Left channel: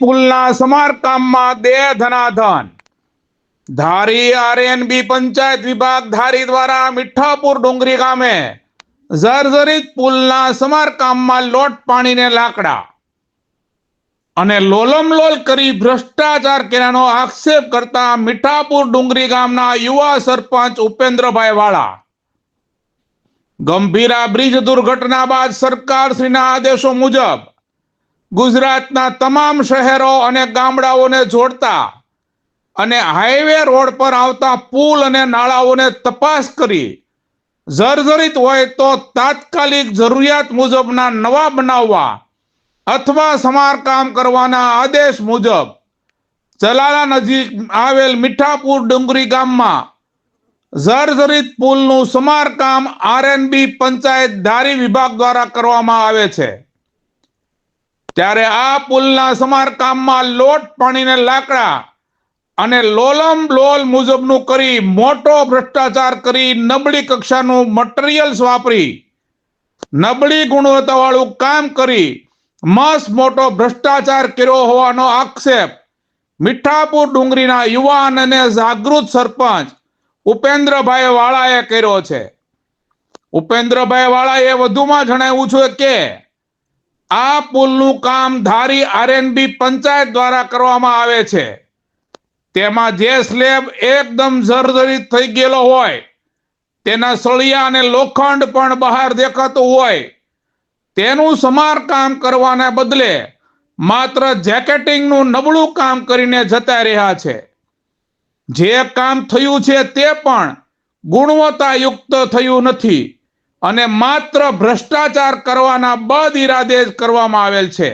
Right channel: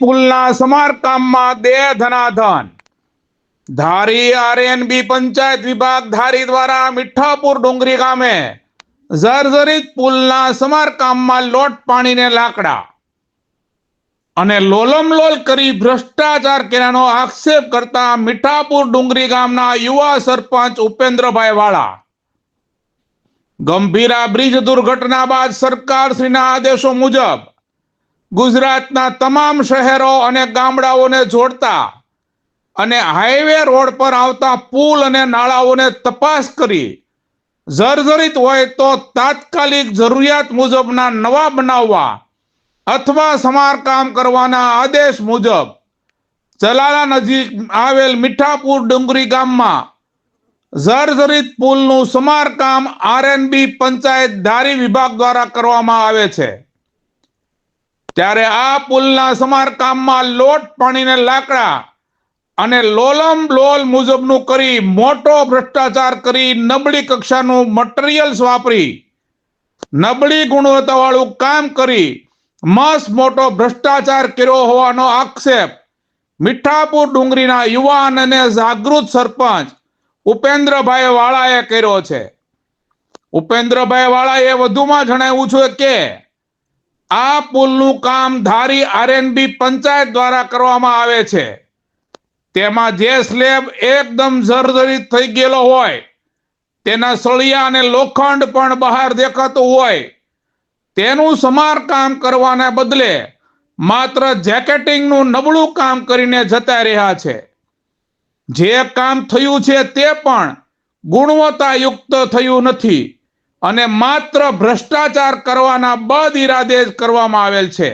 પુલના સમારકામમાં દેહ ધનાધન. ધારી આરએનબી પંચાયત વિભાગ ધારી દ્વારા મીઠાપુર ડુંગરી ગામે જર્જરિત પુલના સમારકામમાં લોટ પાણીને લાકડા અને લોલમલોલ કરી ભ્રષ્ટાચાર કર્યાનો આક્ષેપ કરતા મીઠાપુર ડુંગરી ગામના યુવા સરપંચ ઉપેન્દ્રભાઈ વાળા. ગંભીરા બ્રિજ દુર્ઘટના બાદ સરકારશ્રીના આદેશો મુજબ ગુજરાતના તમામ શહેરો અને ગામડાઓને જોડતા અને હાઈવે રોડ પર આવતા પુલ અને નાળાઓને તપાસ કરી. જર્જરિત હોય તો તાત્કાલિક જરૂરિયાત મુજબના નવા બનાવવા અથવા સમારકામ કરવાના આદેશ મુજબ ચલાલા નજીક આવેલ મીઠાપુર ડુંગરી ગામમાં જર્જરિત પુલનું સમારકામ આરએનબી પંચાયત ધારી વિભાગ દ્વારા કરવામાં આવે છે. ત્યારે આ પુલના સમારકામમાં લોટ પાણીને લાકડા અને લોલમ લોલ મુજબનું કરી મોટો ભ્રષ્ટાચાર કરી નબળી કક્ષાનું મટીરિયલ્સ વાપરી, નબળી ગુણવત્તાવાળું કામ કરી મસ મોટો ભ્રષ્ટાચાર કર્યો હોવાનો આક્ષેપ, મીઠાપુર ડુંગરીના યુવાન અને જાગૃત સરપંચ ઉપેન્દ્રભાઈ વાળાએ કર્યો છે. ઉપેન્દ્રભાઈ વાળાએ વધુમાં જણાવ્યું છે કે આ પુલનું કામ ધારી આરએનબી પંચાયત દ્વારા કરવામાં આવે છે. તેમાં જે સ્લેબ એકદમ જર્જરિત થઈ ગયેલો હોય, તેના સળિયા અને લોખંડ પણ બહાર દેખાતું હોય, તેનું સમારકામ કરવાના બદલે માત્ર જેકેટિંગનું નબળું કામ કરીને જતા રહ્યા છે. જે કામ થયું છે તે પણ ગુણવત્તાયુક્ત થયું નથી. અને માત્ર ભ્રષ્ટાચાર કરવાના બદ ઇરાદે જ કરવામાં આવેલ છે.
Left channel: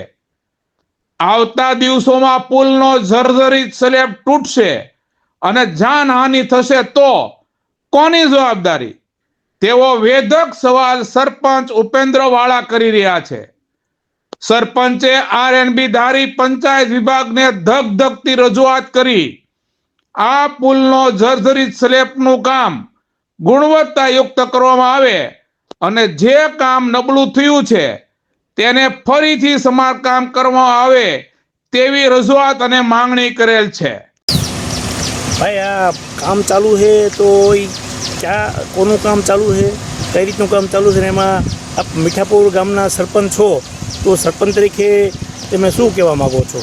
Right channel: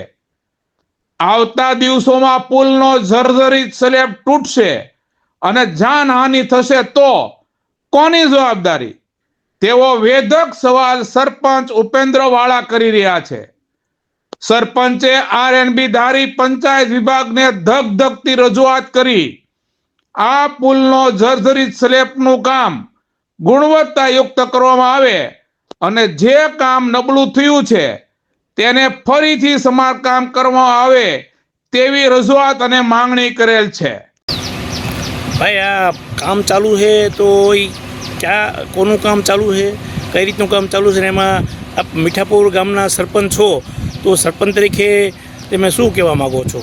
આવતા દિવસોમાં પુલનો જર્જરિત સ્લેબ તૂટશે અને જાનહાનિ થશે તો કોની જવાબદારી? તેવો વેધક સવાલ સરપંચ ઉપેન્દ્ર વાળા કરી રહ્યા છે. સરપંચે આરએનબી ધારી પંચાયત વિભાગને ધગધગતી રજૂઆત કરી. આ પુલનો જર્જરિત સ્લેબનું કામ ગુણવત્તાયુક્ત કરવામાં આવે અને જે કામ નબળું થયું છે તેને ફરીથી સમારકામ કરવામાં આવે તેવી રજૂઆત અને માંગણી કરેલ છે. ભાઈ આ કામ ચાલુ છે તો ક્યાં કોનું કામ ચાલુ છે? કઈ રીતનું કામ ચાલુ છે? ને એમાં આપ મીઠાપુર ગામના સરપંચ છો તો સરપંચ તરીકે તમે શું કહેવા માગો છો?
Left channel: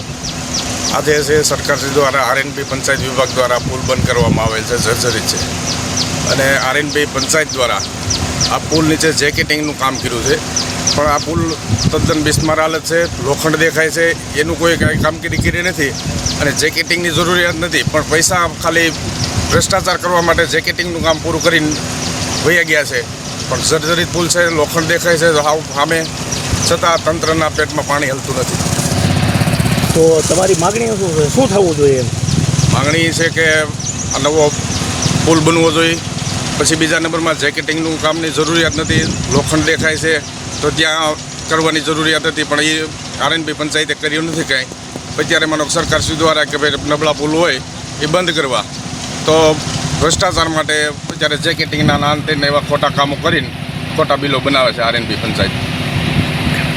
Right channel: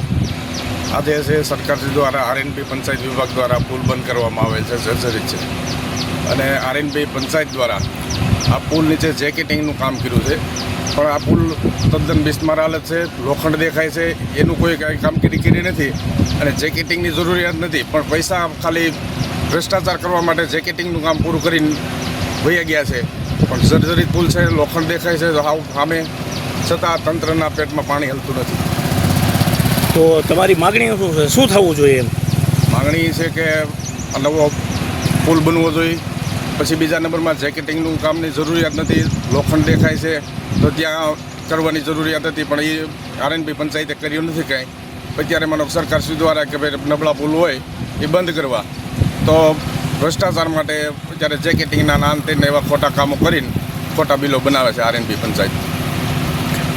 આજે છે સરકાર દ્વારા આરએનપી પંચાયત વિભાગ દ્વારા પુલ બંધ કરવામાં આવેલ છે જર્જરિત છે. અને આરએનભાઈ પંચાયત દ્વારા આ પુલ નીચે જેકેટિંગનું કામ કર્યું છે. પણ આ પુલ તદ્દન બિસ્માર હાલત છે લોખંડ દેખાય છે એનું કોઈ કાંઈ કામગીરી કરી નથી અને જેકેટિંગની જરૂરિયાત નથી. પણ પૈસા ખાલી ભ્રષ્ટાચાર કરવા માટે જેકેટિંગનું કામ પૂરું કરીને વહી ગયા છે. પણ જર્જરિત પુલ છે લોખંડ દેખાય છે સામે. છતાં તંત્રના પેટમાં પાણી હલતું નથી. તો તમારી માગણી શું શું થવું જોઈએ? એમ માંગણી છે કે આ નવો પુલ બનવો જોઈએ. પછી બીજા નંબરમાં જેકેટિંગનું કામની જરૂરિયાત નથી. લોખંડ દેખાય છે તો ત્યાં કરવાની જરૂરિયાત હતી, પણ એ આરએનબી પંચાયતે કર્યું નથી કાંઈ. અત્યારે માનો સરકારશ્રી દ્વારા કે ભાઈ નબળા પુલ હોય, એ બંધ કરવા. તો ભ્રષ્ટાચાર માટે અત્યારે જેકેટિંગના નાન તેને એવા ખોટા કામો કરીને ખોટા બિલો બનાવે છે આરએનબી પંચાયત.